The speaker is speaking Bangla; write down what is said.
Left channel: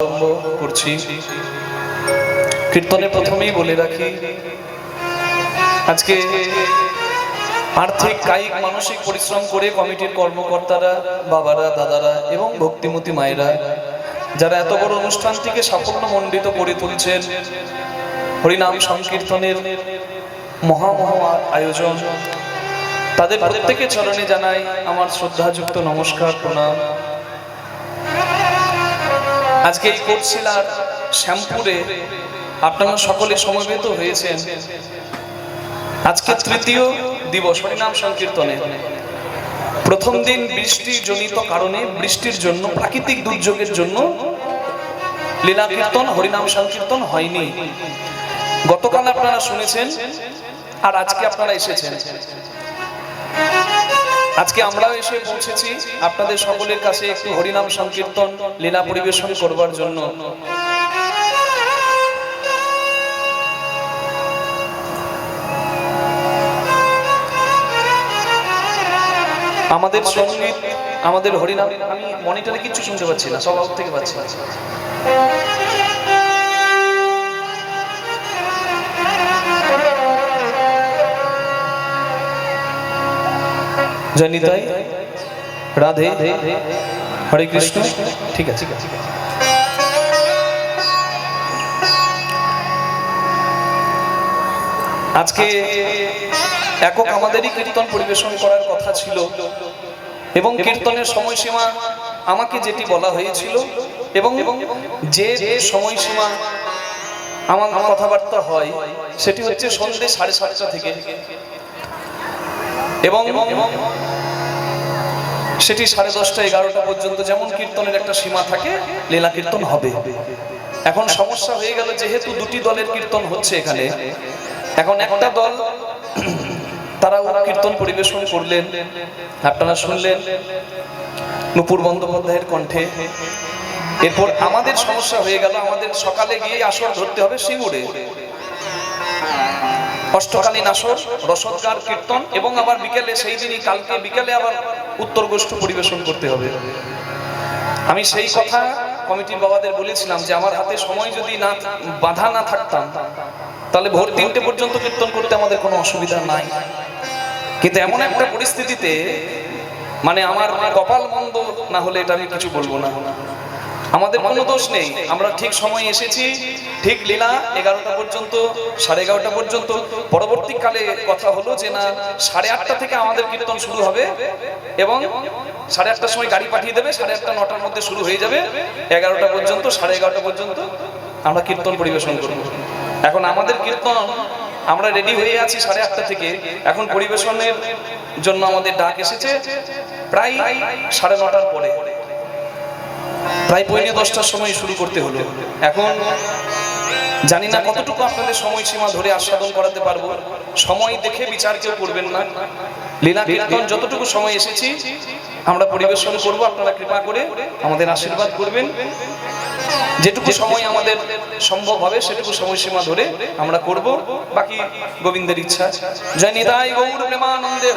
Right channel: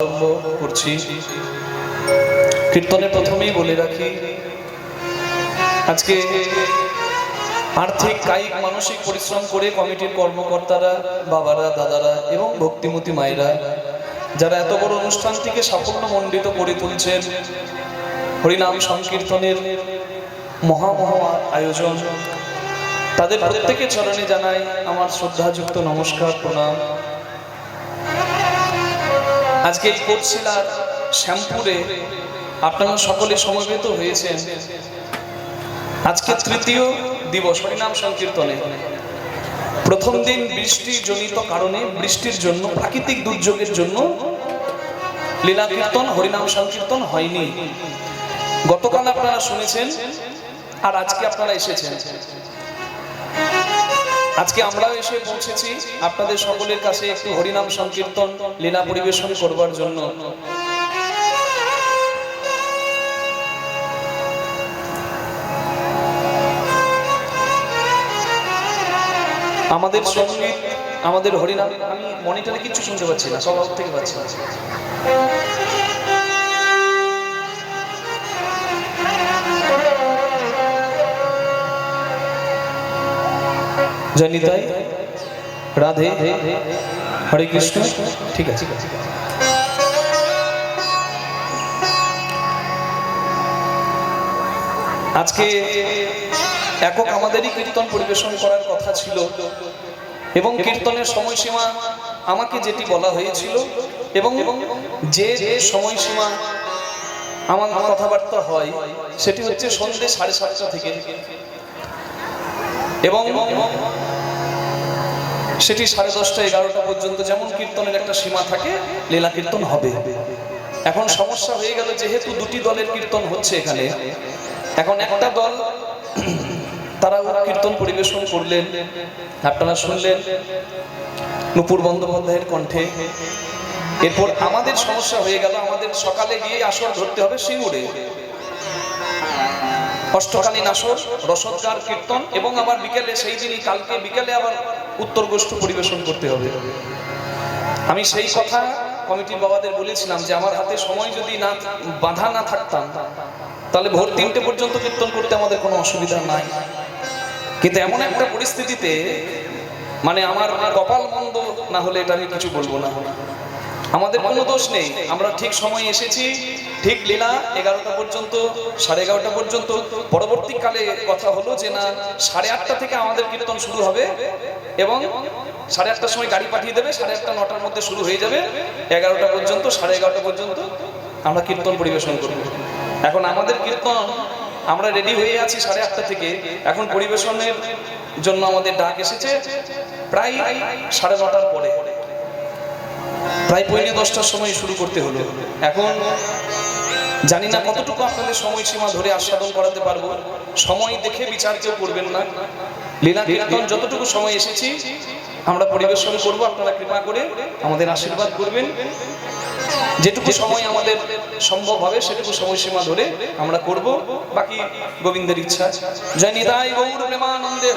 আরম্ভ করছি। কীর্তনে প্রথমেই বলে রাখি, আজকে আর্থিক কায়িক মানসিক পরিশ্রম করে কমিটির কর্মকর্তারা, বাবারা, দাদারা এবং ভক্তিমতী মায়েরা যারা এত বড় অনুষ্ঠানটিকে সাফল্যমণ্ডিত করে তুলছেন, হরিনাম সংকীর্তনের মহামহা আয়োজন, তাদের প্রত্যেকের চরণে জানাই আমার শ্রদ্ধাযুক্ত নমস্কার, প্রণাম। আজকে এই কোটশিলার শ্যামপুরে আপনারা সকলে সমবেত হয়েছেন। আজকে তৃতীয় দিবস হরিনাম সংকীর্তনে। প্রথম দিন বৃষ্টিজনিত কারণে, বৃষ্টির জন্য, প্রাকৃতিক দুর্যোগের জন্য লীলা কীর্তন, হরিনাম সংকীর্তন হয়নি। গতকাল আপনারা শুনেছেন আর আজকে আপনারা এসেছেন। আজকে আমরাও এসে পৌঁছেছি আপনাদের সকলের কাছে একটু হরিনাম সংকীর্তন লীলা পরিবেশন করবার জন্য। আমাদের সঙ্গীত, আমাদের হরিনাম, আমি মনিটরে কিছু শুনতে পাচ্ছি না, সব আউট থেকে পাচ্ছি। জনিতাই, রাধে, হরে কৃষ্ণ। ঠিক আছে, আজকে একক আমাদেরই কীর্তন পরিবেশন করার কথা ছিল এবং কীর্তনের সময়সীমা আমাকে যেটি বলা হয়েছিল এবং যে সময়সীমা আমার কথাবার্তা হয় সেটি হচ্ছে সন্ধ্যে 7:30 থেকে, এবং সেটি 10:30, 11টা পর্যন্ত যেমন কীর্তনের একটা সীমা থাকে, লীলা কীর্তন হবে। এখন সমস্যা হয়ে গেল, যেহেতু দুটি দলের কীর্তন হচ্ছে এখানে, এখন একটা দল তারা কীর্তন পরিবেশন করলেন, আপনারা শুনলেন নূপুর বন্দ্যোপাধ্যায়ের কণ্ঠে। এরপর আমাদের সমস্যা হয়ে গেল, আমাদের সকালে গিয়ে আসর ধরতে হবে সিঙ্গুরে, অষ্টকালীন আসর, রসদগার কীর্তন, এবং আবার বিকেলে, সেই দিনই কালকে বিকেলে আবার উত্তর গোষ্ঠ পরিবেশন করতে হবে। আমি সেই কথা কমিটির বাবাদের বলেছিলাম যে আমার হাতে সময় যদি না বাধা না থাকতাম তাহলে ভোর 3টে পর্যন্ত কীর্তন করতে আমাদের কোনো অসুবিধা নাই। কিন্তু এমন একটা পরিস্থিতিতে, মানে আমার কপাল মন্দ না হলে এটা আমি কিছু বলবো না, আমাদের কোনো দোষ নেই, আমরা ঠিক সময় এসেছি, ঠিক লীলা 11টা পর্যন্ত, 11:30 পর্যন্ত। পরবর্তীকালে কথা হলো যে না, 8:30 থেকে আমাদের কীর্তন শুরু হবে এবং 8:30টার সময় গাড়ি পাঠিয়ে দেবে, 8:30, 9টার মধ্যে শুরু হয়ে যাবে, 11টা পর্যন্ত, 11:30 পর্যন্ত আমরা কীর্তন পরিবেশন করব। এখন আমাদের কীর্তন আমরা রেডি হয়ে আছি 8:30 থেকে, এখন পরিবেশনের জন্য আমাদের ডাক এসেছে প্রায় 9:30 পরে, প্রায় 9:45টার সময় শুরু করতে হলো। এখন জানি না কতটুকু আপনাদের সময়সীমা ধরে আস্বাদন করাতে পারবো, সময় দেখে বিচার কেউ করবেন না। লীলা কীর্তন যতটুকু সময় এসেছি আমরা পরিবেশন করব, আপনারা কৃপা করে আমাদের আশীর্বাদ করবেন। যেটুকু সময় আমাদের সম্ভব হবে সেটুকু সময়সীমা ধরে আমরা করব, বাকি গোবিন্দের ইচ্ছা। জয় নিতাই গৌর প্রেমানন্দে।